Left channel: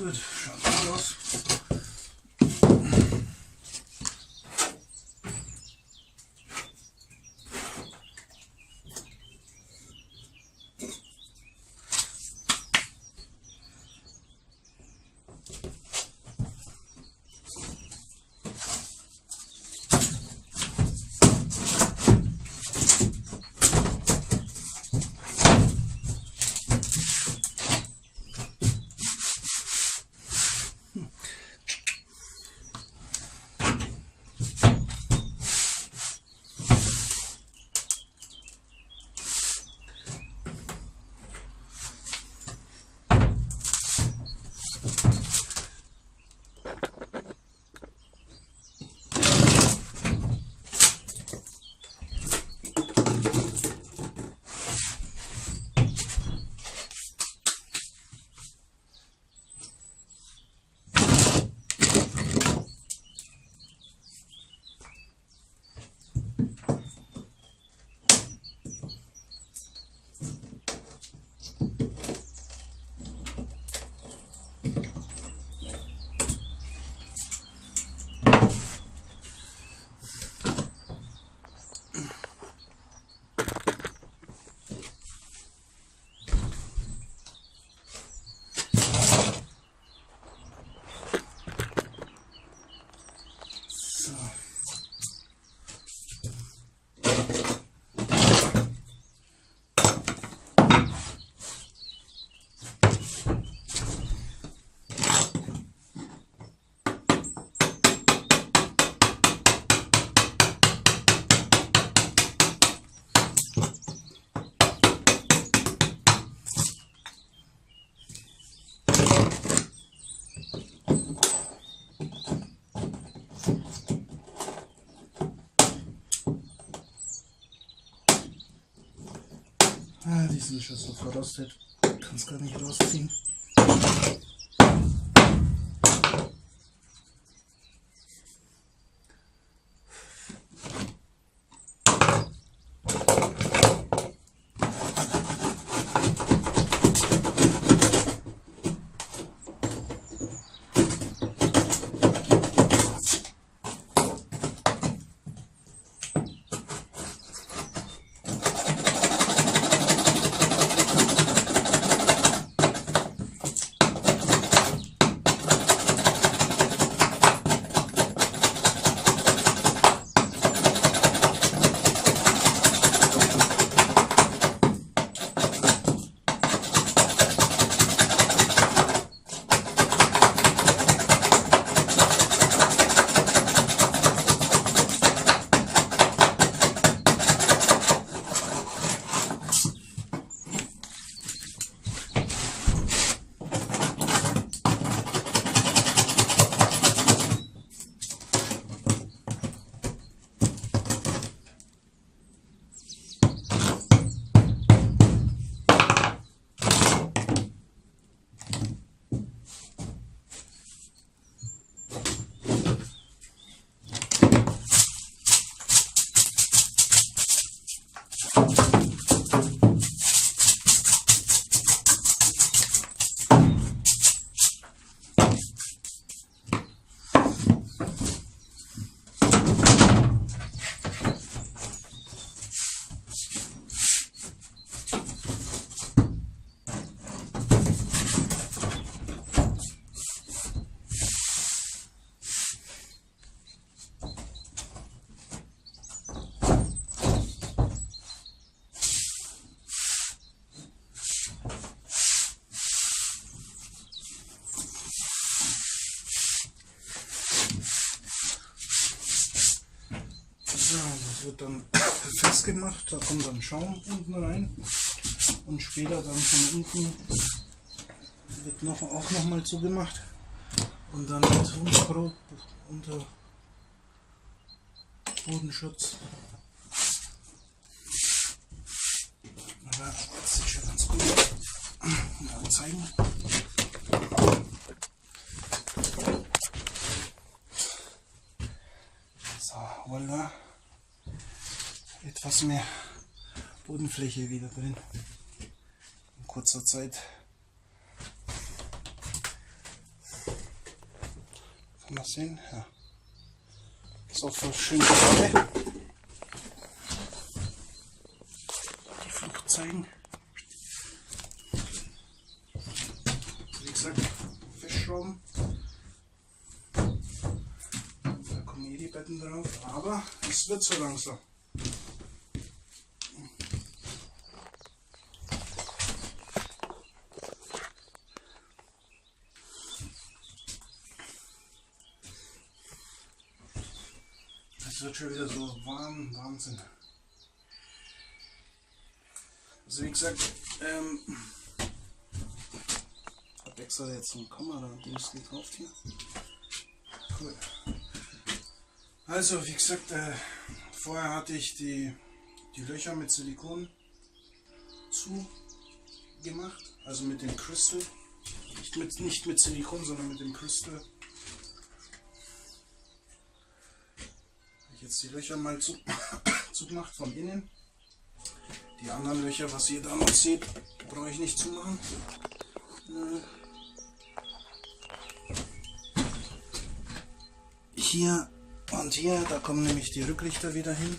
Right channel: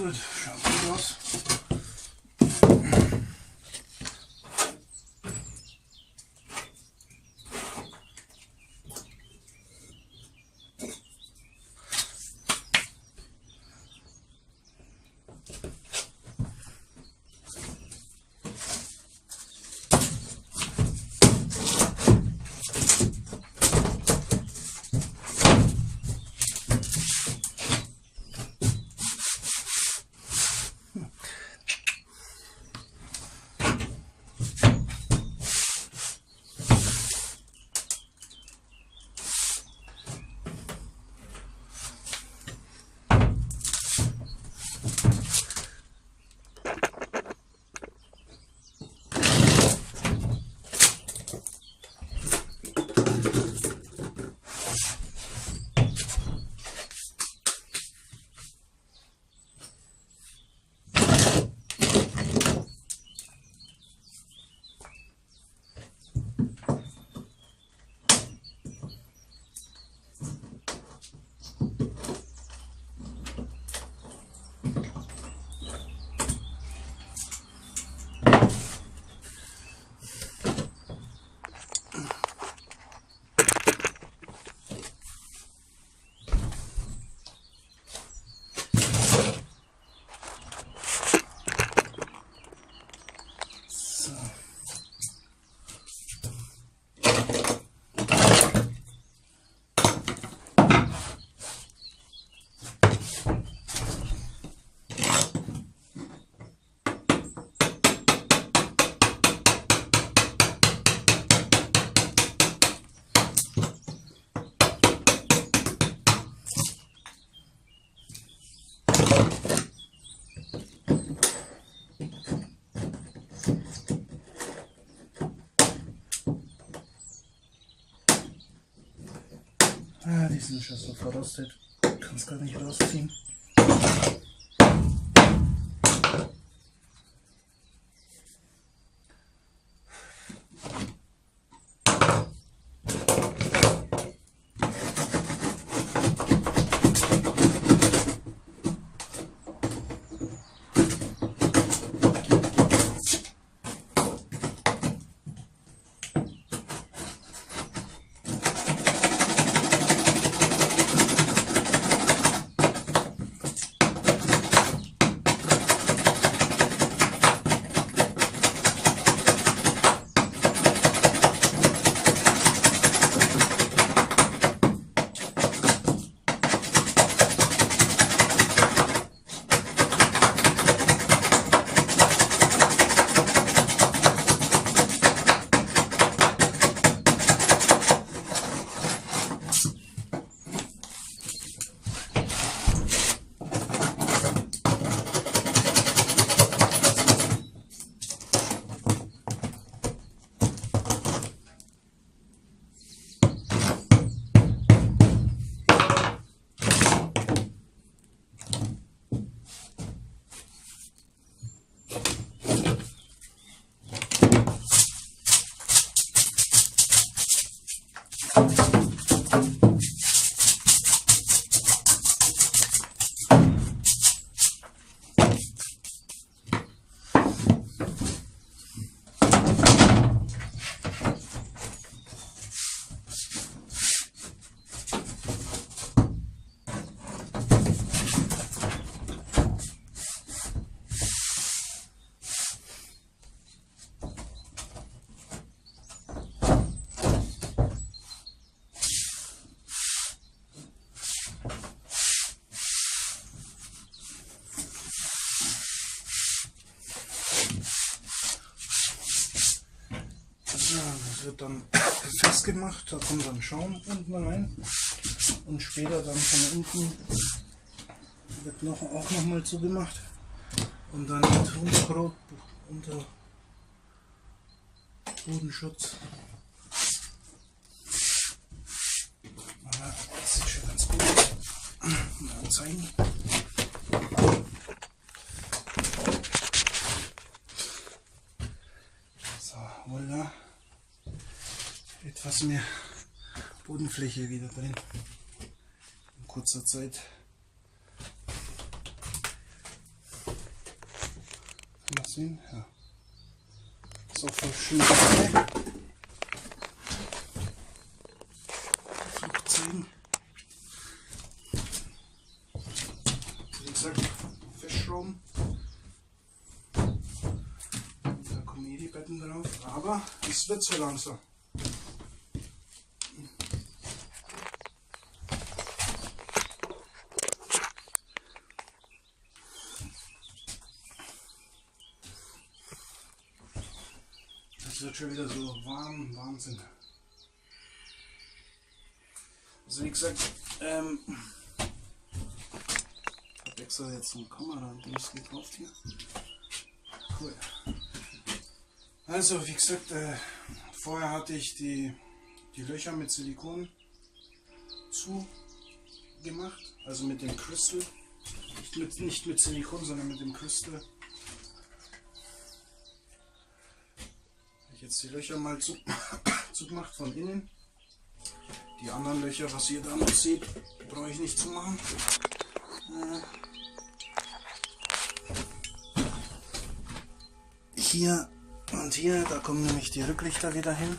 Gut, schaut gut aus. Die sind schon so verrostet, kann es gar nicht rausziehen. Das wird dann festgemacht, da kommt dann Schaum unten rein und später dann von unten wird auch noch mal zugemacht und dann mit unter Bodenschutz. Aber das sieht schon ganz gut aus. Mal zeigen. So, voilà. Etwas mehr Bodenfläche wieder drin. In kurzer Zeit. sehen? Ja. Ist auch voll schön gerade. Die Flucht zeigen. Wie gesagt, festschrauben. Da kommen hier die Betten drauf. Aber es wird so langsam. Es wird schon wieder so warm, Wahnsinn. Also wie gesagt, ich habe extra jetzt so ein Kamera-Dings gekauft hier. Cool. Also wie gesagt, vorher hatte ich die Löcher mit Silikon zugemacht, also mit dem Crystal. Nicht mit Silikon, sondern mit dem Crystal. Jetzt die Löcher mal zugemacht von innen. Die anderen Löcher, was ihr da noch seht, brauche ich nicht zumachen. Hier und hier, da kommen nämlich die Rücklichter wieder hin.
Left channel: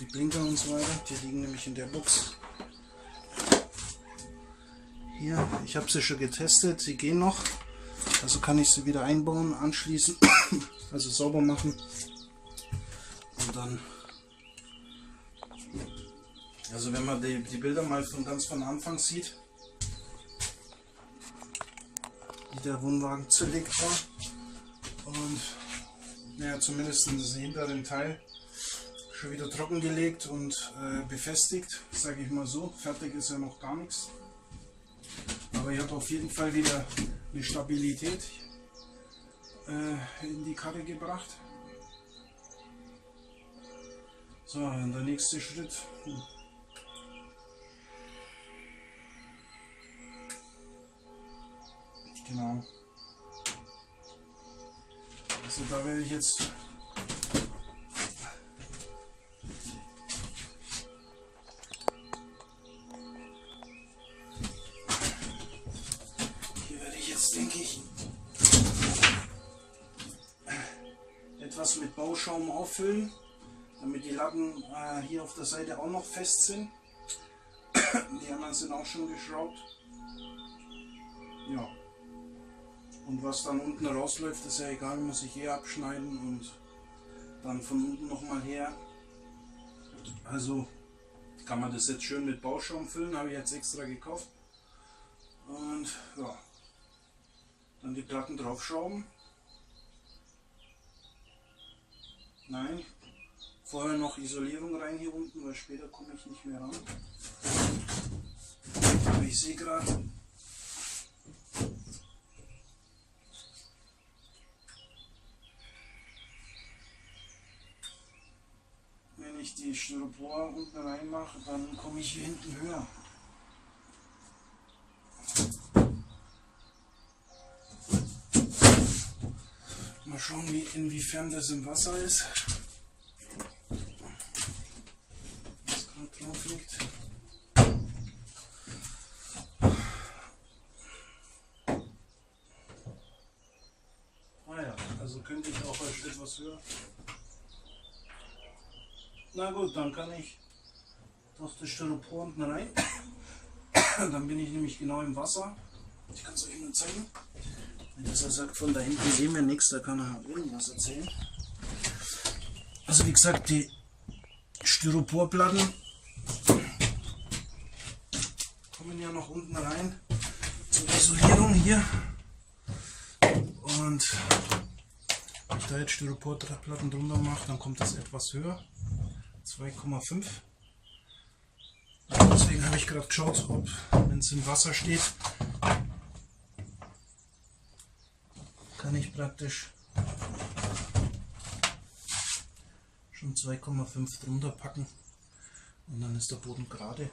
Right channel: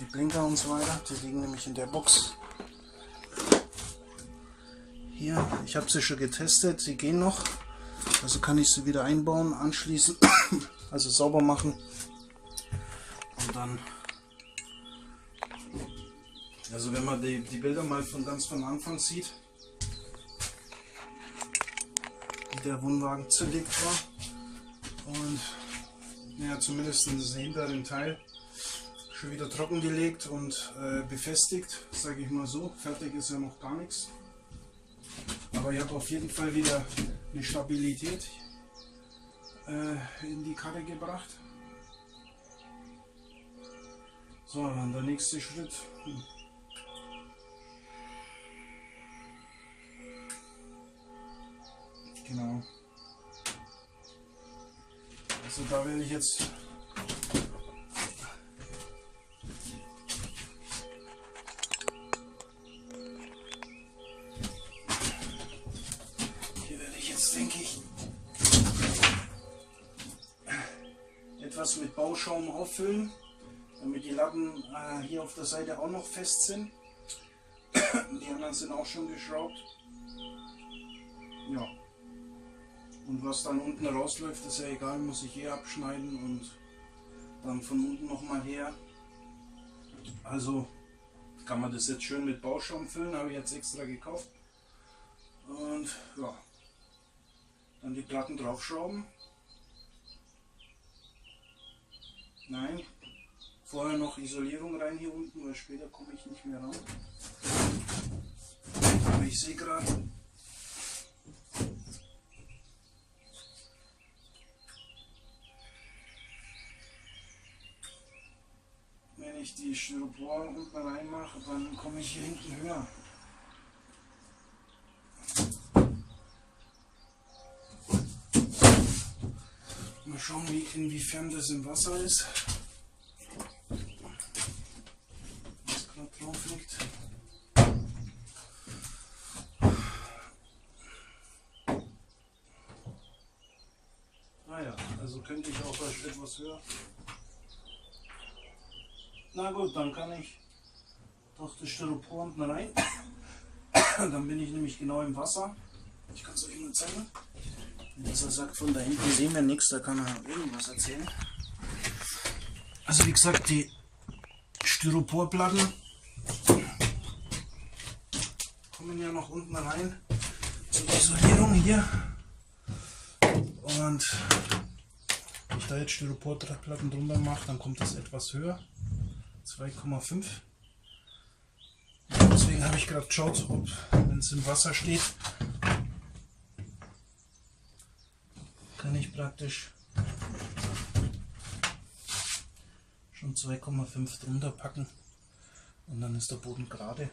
Die Blinker und so weiter, die liegen nämlich in der Box. Hier, ich habe sie schon getestet, sie gehen noch. Also kann ich sie wieder einbauen, anschließen, also sauber machen. Und dann, also wenn man die Bilder mal ganz von Anfang sieht, wie der Wohnwagen zerlegt war und ja, zumindest in den hinteren Teil schon wieder trockengelegt und befestigt, sage ich mal so. Fertig ist ja noch gar nichts, aber ich habe auf jeden Fall wieder eine Stabilität in die Karre gebracht. So, und der nächste Schritt. Genau. Also da werde ich jetzt denke ich, etwas mit Bauschaum auffüllen, damit die Latten hier auf der Seite auch noch fest sind. Die anderen sind auch schon geschraubt. Ja. Und was dann unten rausläuft, ist ja egal, muss ich hier abschneiden und dann von unten nochmal her. Also kann man das jetzt schön mit Bauschaum füllen, habe ich jetzt extra gekauft. Und ja, dann die Platten draufschrauben. Nein, vorher noch Isolierung rein hier unten, weil später komme ich nicht mehr ran. Aber ich sehe gerade, wenn ich die Styropor unten reinmache, dann komme ich hier hinten höher. Mal schauen, inwiefern das im Wasser ist. Was gerade drauf liegt. Ah ja, also könnte ich auch etwas höher. Na gut, dann kann ich durch das Styropor unten rein. Dann bin ich nämlich genau im Wasser. Ich kann es euch nur zeigen. Wenn er sagt, von da hinten sehen wir nichts, da kann er irgendwas erzählen. Also wie gesagt, die Styroporplatten kommen ja noch unten rein zur Isolierung hier. Und wenn ich da jetzt Styroporplatten drunter mache, dann kommt das etwas höher. 2,5. Deswegen habe ich gerade geschaut, ob, wenn es im Wasser steht, kann ich praktisch schon 2,5 drunter packen und dann ist der Boden gerade.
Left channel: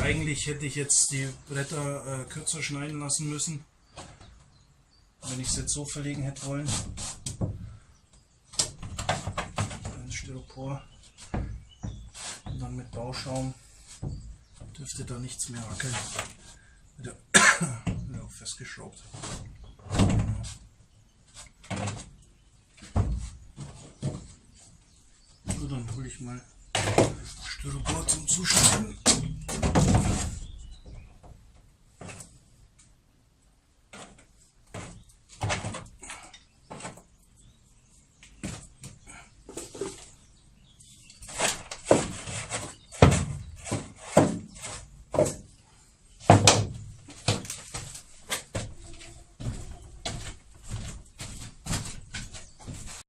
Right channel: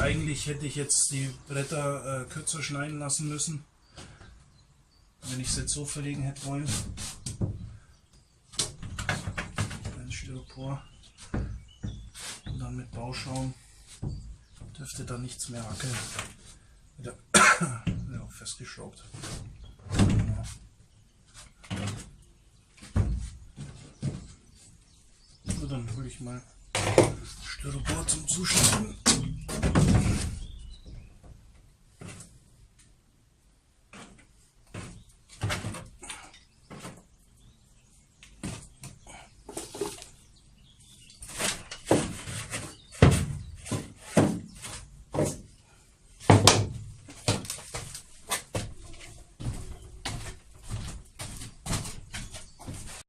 Eigentlich hätte ich jetzt die Bretter kürzer schneiden lassen müssen, wenn ich es jetzt so verlegen hätte wollen. Ins Styropor und dann mit Bauschaum dürfte da nichts mehr wackeln. Wieder festgeschraubt. So, dann hole ich mal Styropor zum Zuschneiden.